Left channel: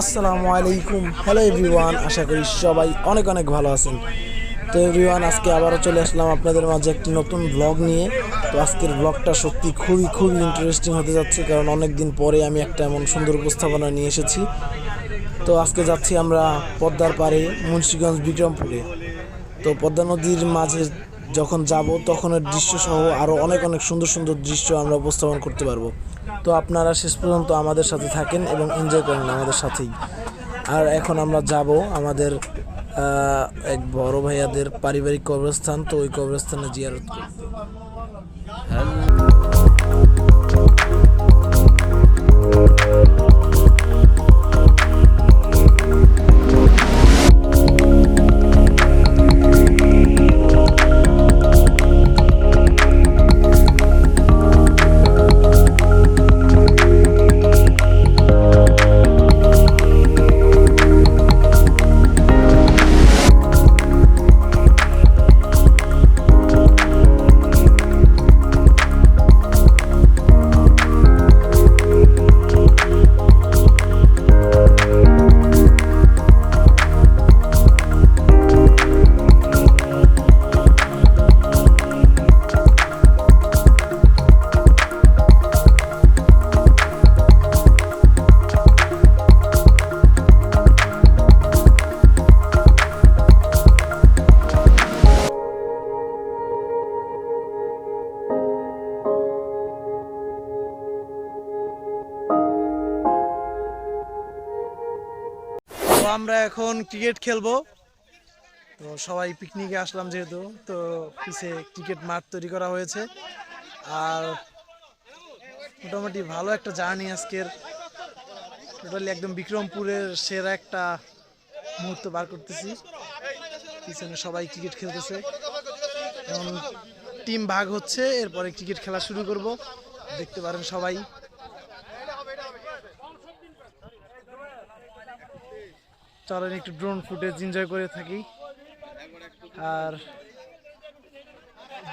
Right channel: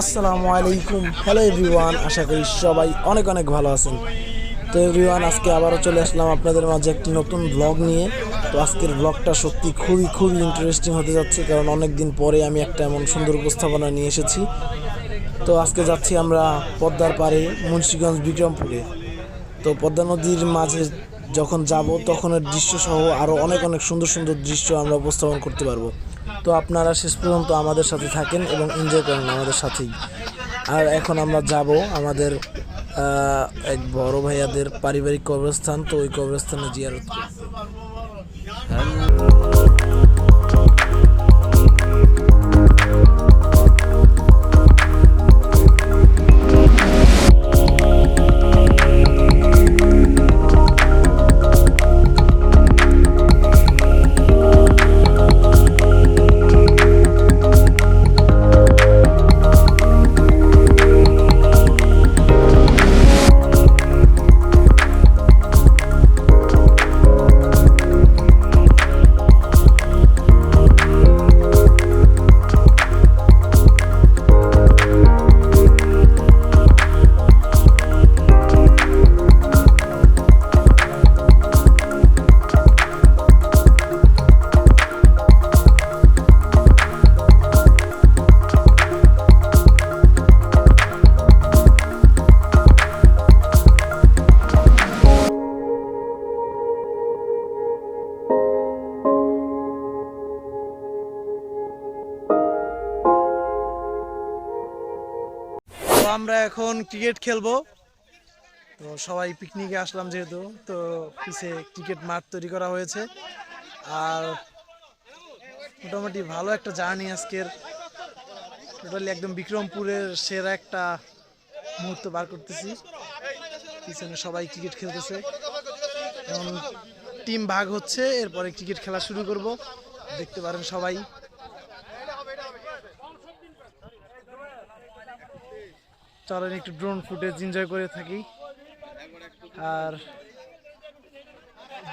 আসসালামু আলাইকুম। Hello everyone আশা করি সবাই অনেক অনেক ভালো আছেন। তো এভরিওয়ান আজকে আবারও চলে আসলাম আপনাদের মাঝে একটি নতুন ব্লগ নিয়ে। তো আজকের ব্লগটা সত্যি খুবই খুবই ইন্টারেস্টিং হতে যাচ্ছে, কারণ অনেক দিন পরে আমি একটা এমন সুন্দর উপস্থাপনা নিয়ে এসেছি। তো আজকে যাচ্ছি আমরা পদ্মার পাড়ে, মুন্সীগঞ্জ, বিক্রমপুরে। তো পদ্মা নদীর মাঝে যখন যাব, তখনের দৃশ্য সহ আরও অনেক অনেক সুন্দর সুন্দর দৃশ্য আমরা উপস্থাপন করতে পারব। তো আপনারা শেষ পর্যন্ত আমাদের সাথে থাকেন এবং এনজয় করেন আমাদের সাথেই। আর এখন আমরা যাব আমাদের এক বড় ভাইয়াদের পারিবারিক কবরস্থান, তো ওই কবরস্থানে জিয়ারত করতে। আমরা এখন ক্রিকেট খেলব। তো সবাই পিকনিকে আসলাম যেহেতু, তো পিছে ক্রিকেট মাঠ তৈরি করা হয়েছে। আর মোটামুটি ভালো একটা জার্নি আজকের। টোটালি একদম বিক্রমপুরের সেরা একটা মুহূর্ত বার করতেছি। পিছনে সবাই ক্রিকেট খেলতেছে। এখন টিম ভাগ হচ্ছে, এরপরে ক্রিকেট খেলা শুরু করব। দেখতে পারেন সবাই। চলেন একটু ড্রোন ফুটেজ এনজয় করে থাকি। আর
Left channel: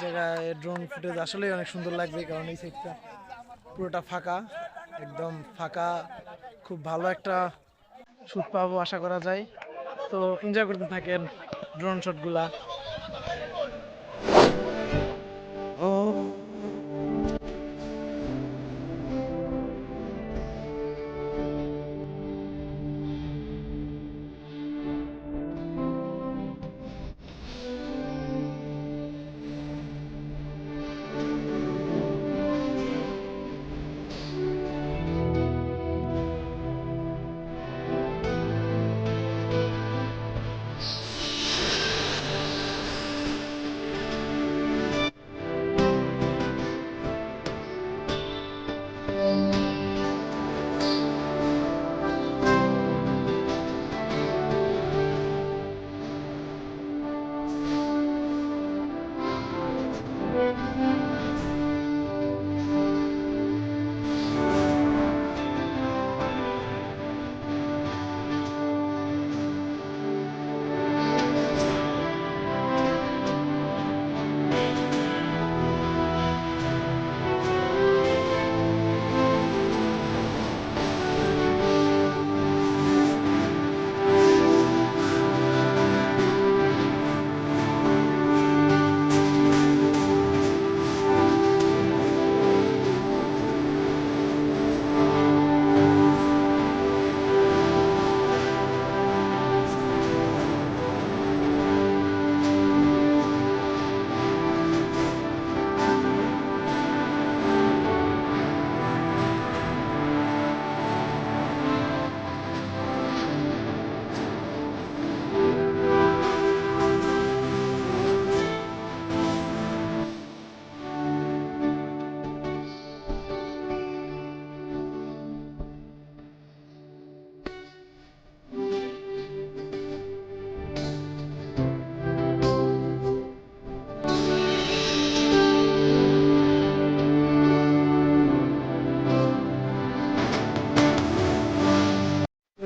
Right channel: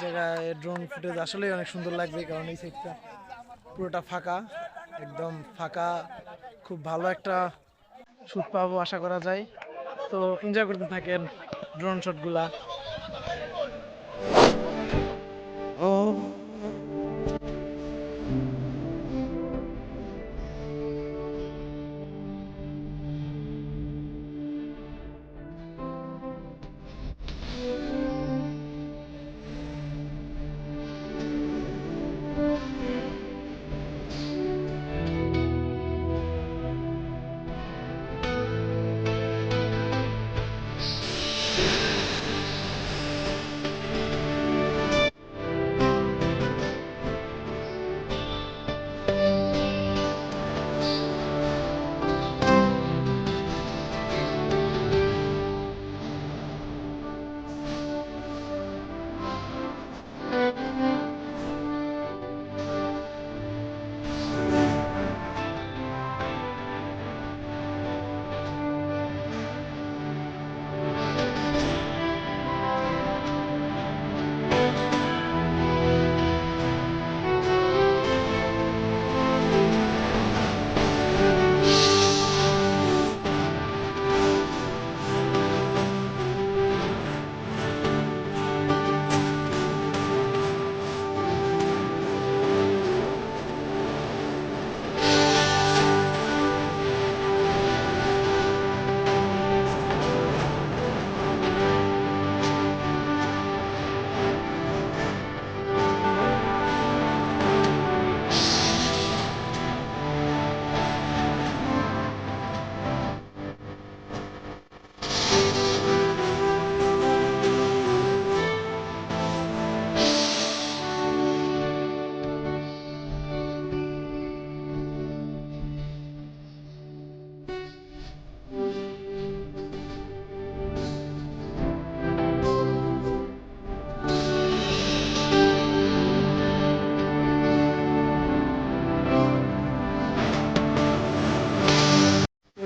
জায়গায় ড্রোন ফুটেজ আসলেই অনেক সুন্দর লাগবে, কারণ এই সাইডটা পুরোটা ফাঁকা, একদম ফাঁকা, খুব ভালো একটা শ্যুট পাবো আশা করা যায়। তো এনজয় করতে থাকেন ড্রোন শটগুলা ও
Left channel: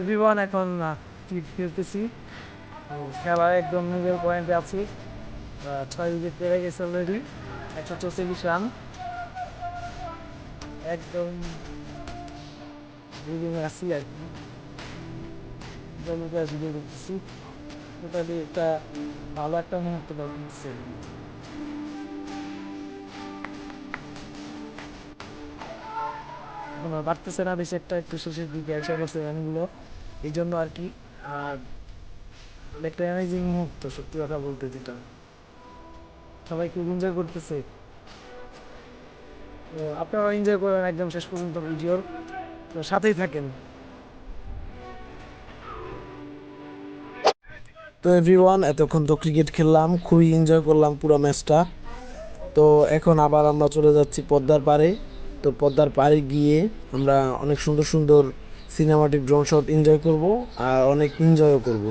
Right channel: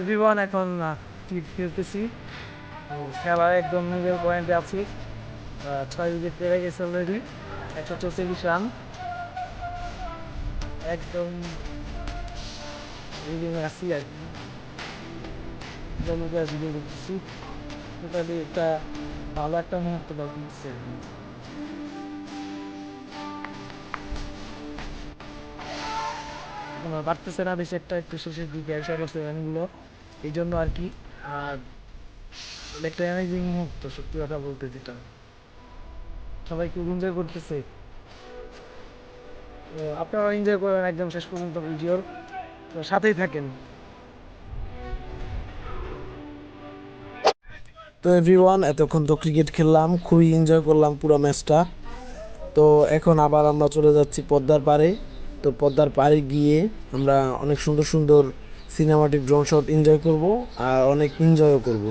এভরিওয়ান এখন খেলতেছি। তো খেলায় একদম নিজের পয়েন্টে আছি। ছয় উইকেট পেয়ে গেছে অলরেডি একশো চৌচল্লিশ রান একদম আছি আর কি। একটা ভালো একটা মুহূর্ত আর কি। বাড়তেছে না, বেশি একটা একটু শেষের দিকে এসে গেছে গানগুলো এই জন্য আর কি, আর একটা অ্যামেজিং মুহূর্ত, সত্যি কথা বলতে যেটা। সবাই খুব এনজয় করতেছে। তো আপনারা এনজয় করেন একদম শেষ পর্যন্ত ভিডিওর। সাথেই থাকেন। তো এভরিওয়ান এতক্ষণ তো ক্রিকেট খেললাম, খুবই এনজয় করলাম পুরো ম্যাচটা তো এখন আবার আমরা চলে যাচ্ছি পদ্মার পাড়ে। তো পদ্মার পাড়ে গিয়ে আমরা অনেক সুন্দর সুন্দর সিনেমাটিক ড্রোন শট এনজয় করব আর অনেক এনজয়ও করব।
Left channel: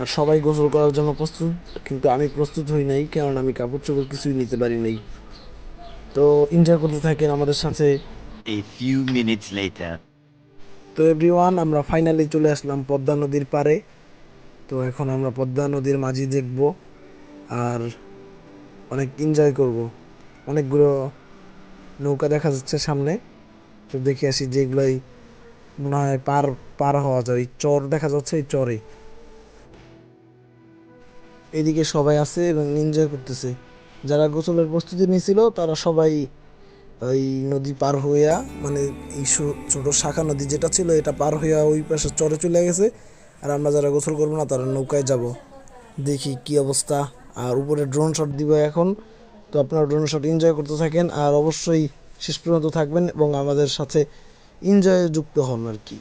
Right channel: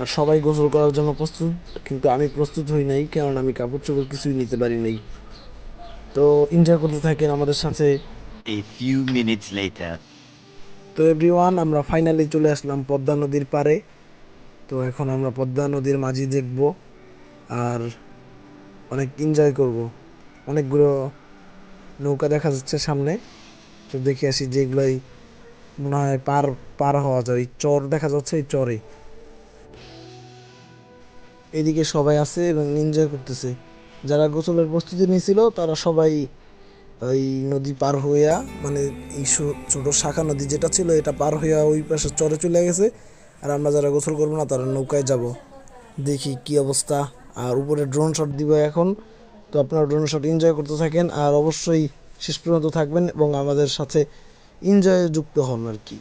আর সবাই গোসল করার জন্য প্রস্তুত কিন্তু আমি প্রস্তুত হই নাই কারণ আমি কাপড় চোপড় কিছুই নিতে পারি নাই। তো এনজয় করতে থাকেন আমাদের সাথে। A few minutes later. তো এভরিওয়ান আমরা ফাইনালি চলে আসলাম পদ্মা নদীর পারে তো এখন আমরা পদ্মা নদীর মাঝি দেখব আর অনেক এনজয় করব। অনেকগুলো নৌকা দেখা যাচ্ছে সামনে। তো দেখে আসি যেগুলোই মনে হয় পার পার হওয়া যায়। চর, দেখা যাচ্ছে এই চরে। এদিকে সবাই আছে এবং এনজয় করতেছে। যারা গোসলের প্রস্তুতি নিয়েছিল তারা সবাই ওই নদী পার হইয়া মানে এই ছোট শাখা নদী যেটা ছিল, এটা পার হইয়া ওই পাশে চরে চলে গেছে। আর আমরা যারা গোসল করব না, তারা নৌকায় যাব। দেখি কি অবস্থা। আর উপরে ড্রোন শট দিব এখন। তো আপনারা ড্রোন শট এনজয় করতে থাকেন। আর অবশ্যই শেষ পর্যন্ত থাকবেন এবং আমাদের সাথে এনজয়ে যুক্ত হন আর কি।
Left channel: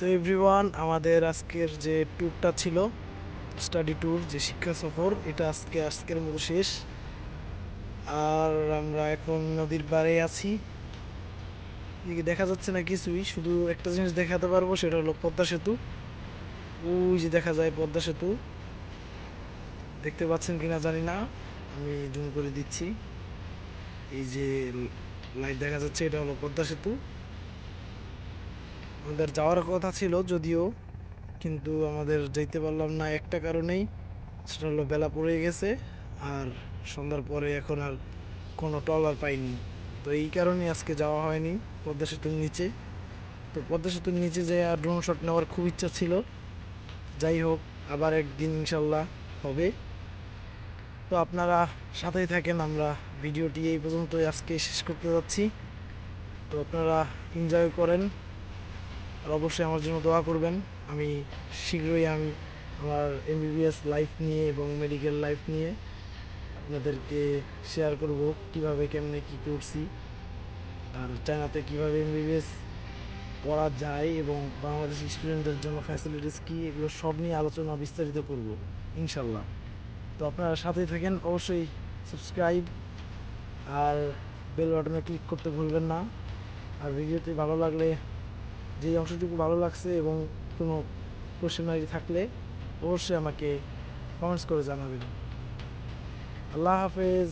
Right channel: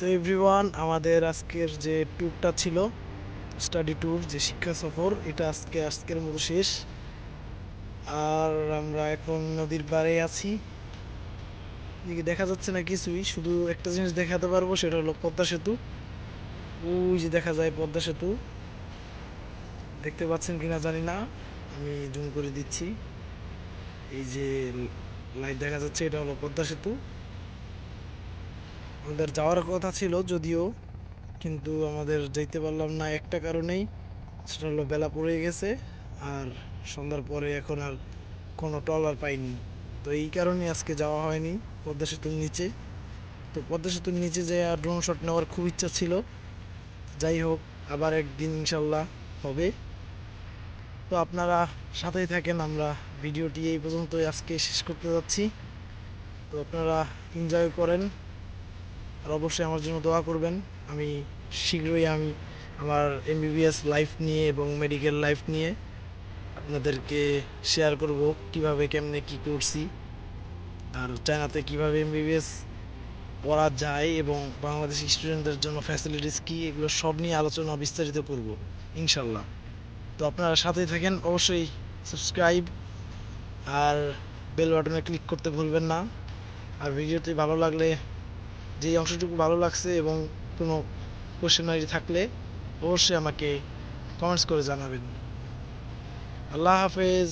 তো এভরিওয়ান আমাদের আজকের যে ট্যুরটা ছিল স্টাডি ট্যুর যে শিক্ষা সফর, এটা আজকে, আজকের মতো শেষ। আর আমরা এখন নদীর পাড়ে আছি। এদিকে দেখা যাচ্ছে না কিছুই, শুধু একটা জিনিস দেখাতে পারব, সেটা হলো পদ্মা সেতু। ওই যে দেখা যায় পদ্মা সেতু। দেখতে পাচ্ছেন কিনা জানি না, আমি জুম করে দিচ্ছি। এই যে লাইট দেখা যাচ্ছে, এটা হলো পদ্মা সেতু। আমাদের যাওয়ার কথা ছিল যদিও, কিন্তু আমাদের যেতে পারলাম না একটা কারণেই। সেটা হলো বেলা পড়ে গেছে আর সন্ধ্যার পরে এখন আর কোনো ট্রলার পাইনি। তো এই কারণে আজকে যাওয়া হয়নি পদ্মা সেতুর নিচে। তো পদ্মা সেতুর নিচে যে ড্রোন শট নেওয়ার খুব ইচ্ছা ছিল। যাই হোক, আবার একদিন ইনশাল্লাহ হবে। তো আপনারা সাথেই থাকেন, আমরা ভিডিওটি এই পর্যন্তই আজকে শেষ করতে যাচ্ছি। তো আপনারা এনজয় করেন। আর অবশ্যই আমার জন্য দোয়া করবেন। আমি শীঘ্রই আমি আমার এমবিবিএস লাইফ নিয়ে এবং মেডিকেল লাইফ নিয়ে আপনাদেরকে শেয়ার করব কীভাবে, কেমনে, কি করছি। আর চায়নাতে কীভাবে এমবিবিএস পড়া যায় এবং বাংলাদেশি স্টুডেন্টদের জন্য ফ্যাসিলিটিস কী, এগুলো সব নিয়ে আলোচনা বিস্তারিত করব ইনশাল্লাহ তো আপনারা সাথেই থাকেন, অবশ্যই সাবস্ক্রাইব আর বেল বাটনে ক্লিক করতে ভুলবেন না। আর ভিডিওটি ভালো লাগলে যেই অংশটুকু ভালো লাগছে এবং কোনো কোশ্চেনারি থাকলে অবশ্যই আমাকে কমেন্টস করে জানাবেন। আল্লাহ হাফেজ।